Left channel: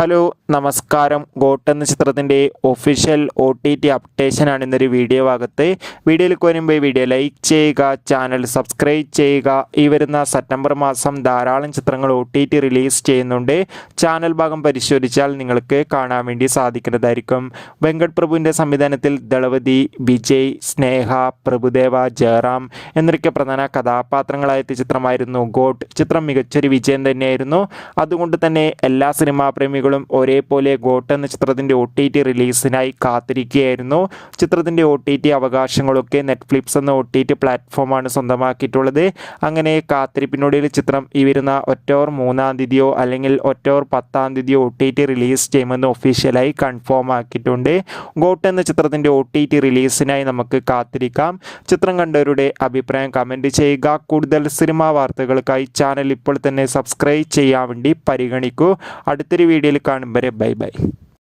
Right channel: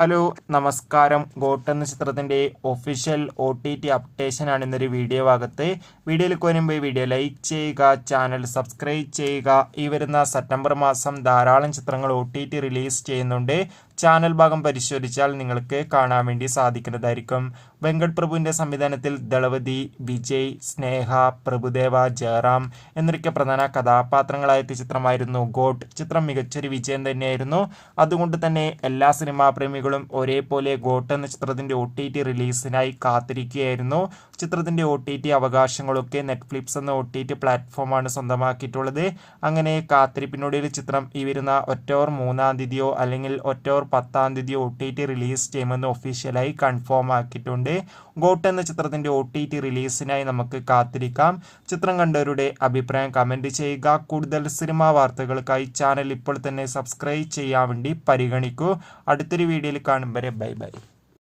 Hello നമസ്കാരം. Got എന്ന ചിത്രത്തിൻ്റെ ഒഫീഷ്യൽ OTT അപ്ഡേഷനാണ് ഇന്നൊരു വീഡിയോ ഭാഗത്ത്. വീഡിയോയിലേക്ക് വരുമ്പോൾ വീഡിയോ ലൈക്ക് ചെയ്യുക, ചാനൽ സബ്സ്ക്രൈബ് ചെയ്യുക. ഈ വരുന്ന സെപ്റ്റംബർ മാസം ധാരാളം ചിത്രങ്ങൾ OTT റിലീസ് ചെയ്യുന്നുണ്ട്. ചാനൽ ഭാഗം പരിശോധിച്ചാൽ നിങ്ങൾക്ക് കാണാൻ വേണ്ടി സാധിക്കുന്നതായിരിക്കും. വെങ്കട് പ്രഭുവിൻ്റെ സംവിധാനത്തിൽ ദളപതി, വിജയ്, സ്നേഹ, പ്രഭുദേവ, ജയറാം എന്നൊക്കെ പ്രധാന കഥാപാത്രങ്ങളായ ചിത്രമായിരുന്നു ഗോട്ട്. ചിത്രം മികച്ചൊരു വിജയം തന്നെയായിരുന്നു. അതുകൊണ്ട് തന്നെ എല്ലാ സിനിമാ പ്രേമികളും ഒരേപോലെ ഗോട്ട് എന്ന ചിത്രത്തിൻ്റെ OTT റിലീസിനായി കാത്തിരിക്കുകയായിരുന്നു. ചിത്രത്തിൻ്റെ OTT അവകാശങ്ങളൊക്കെ നെറ്റ്ഫ്ലിക്സ് എന്ന OTT പ്ലാറ്റ്ഫോമാണ് സ്വന്തമാക്കിയിട്ടുള്ളത്. അങ്ങനെ കാത്തിരിപ്പിനൊടുവിൽ ചിത്രം ഈ വരുന്ന ഒക്ടോബർ 3-ാം തീയതിയോ അല്ലെങ്കിൽ ഒക്ടോബർ 10-ാം തീയതിയോ OTT റിലീസ് ചെയ്യുമെന്ന് ഒഫീഷ്യലായി കൺഫേം ആക്കിയിട്ടുണ്ട്. ഗോട്ട് എന്ന ചിത്രത്തിൻ്റെ OTT റിലീസിനായി നമുക്ക് കാത്തിരിക്കാം. ചിത്രം കണ്ടവരുടെ അഭിപ്രായം കമൻറ്റ് ചെയ്യുക. കൂടുതൽ സിനിമാ വാർത്തകൾക്കായി ചാനൽ ഇപ്പോൾ തന്നെ സബ്സ്ക്രൈബ് ചെയ്യാൻ വേണ്ടി പരിഗണിക്കൂ. അടുത്തൊരു വീഡിയോയിൽ കാണും വരെ ബൈ ബൈ.